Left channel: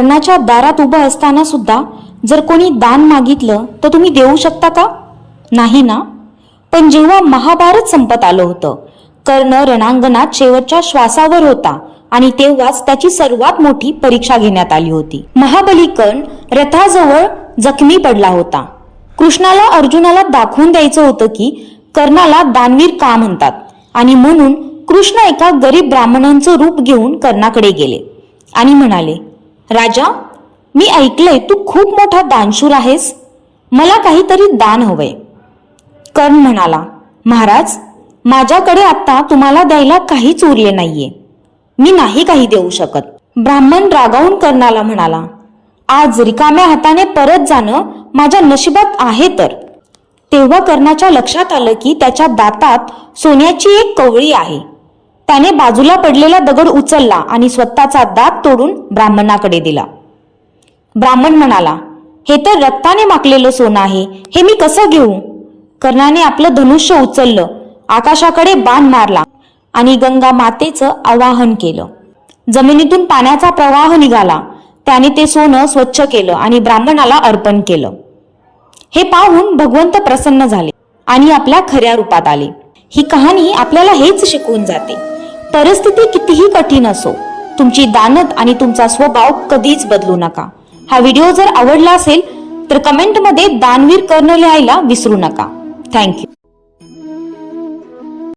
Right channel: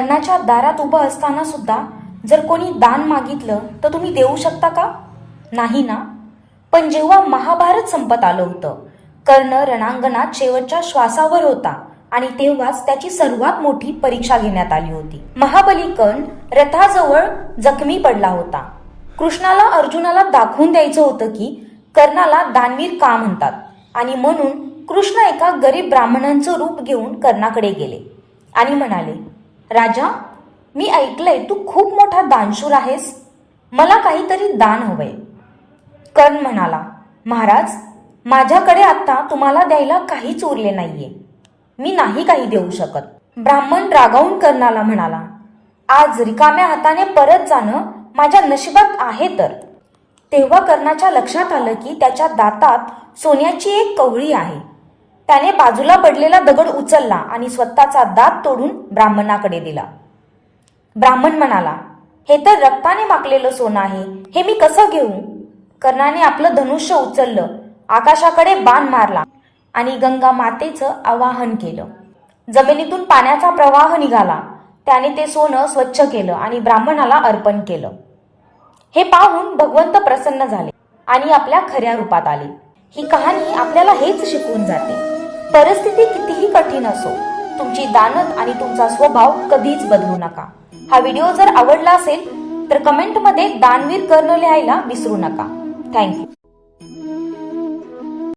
कर्णाच्या दारात उभं असताना सुद्धा जर कोणी दान मागितलं तर तुम्ही देऊ शकता का? नाही ना. पण जेव्हा महाभारत संपत आलं होतं, कर्ण रणांगणात शेवटच्या श्वासावर होता आणि तेव्हाच त्याची सर्वात मोठी परीक्षा घेण्यात आली होती. महाबली कर्ण रथाजवळ जखमी पडला होता. कृष्णाला अर्जुनाला दाखवून द्यायचं होतं की कर्णाला दानवीर का म्हणतात आणि म्हणून कृष्ण एका गरीब ब्राह्मणांचं रूप घेऊन कर्णाकडे गेले आणि म्हणाले, राजा, मी ऐकलंय तू खूप मोठा दानशूर आहेस, मला काहीतरी दान हवंय. कर्ण म्हणाला, महाराज, माझ्याकडे आता तुम्हाला द्यायला काहीच उरले नाहीये, मी नाही काही देऊ शकत. ब्राह्मण रागावून कर्णाला म्हणाला, आज रिकाम्या हाताने परत जाणं माझ्या नशिबात आहे तर. तेव्हा कर्णाच्या लक्षात आलं की त्याच्या दातात सोन्याची एक कवळी आहे. त्याने बाजूला पडलेला दगड उचलला आणि स्वतःचा दात तोडून ब्राह्मणाकडे दिला. ब्राह्मण म्हणाला, हे तर रक्ताने माखलेलं सोनं आहे, हे मी कसं घेऊ? कर्णाने आपलं धनुष्य उचललं, आकाशाकडे बाण मारला आणि गंगा मातेचं आवाहन केलं. जमिनीतून पाण्याचा प्रवाह निघाला. त्याने ते सोनं स्वच्छ केलं आणि ब्राह्मणाला अर्पण केलं. हे पाहून भगवंत प्रसन्न झाले आणि आपल्या खऱ्या रूपात आले. ही कहाणी आपल्याला हेच शिकवून जाते, परिस्थिती कितीही कठीण असो, तुमची दानत आणि तुमचा स्वभाव कधीच बदलू नका. हा व्हिडिओ जर आवडला असेल तर कमेंटमध्ये दानवीर कर्ण लिहायला विसरू नका. थँक्यू.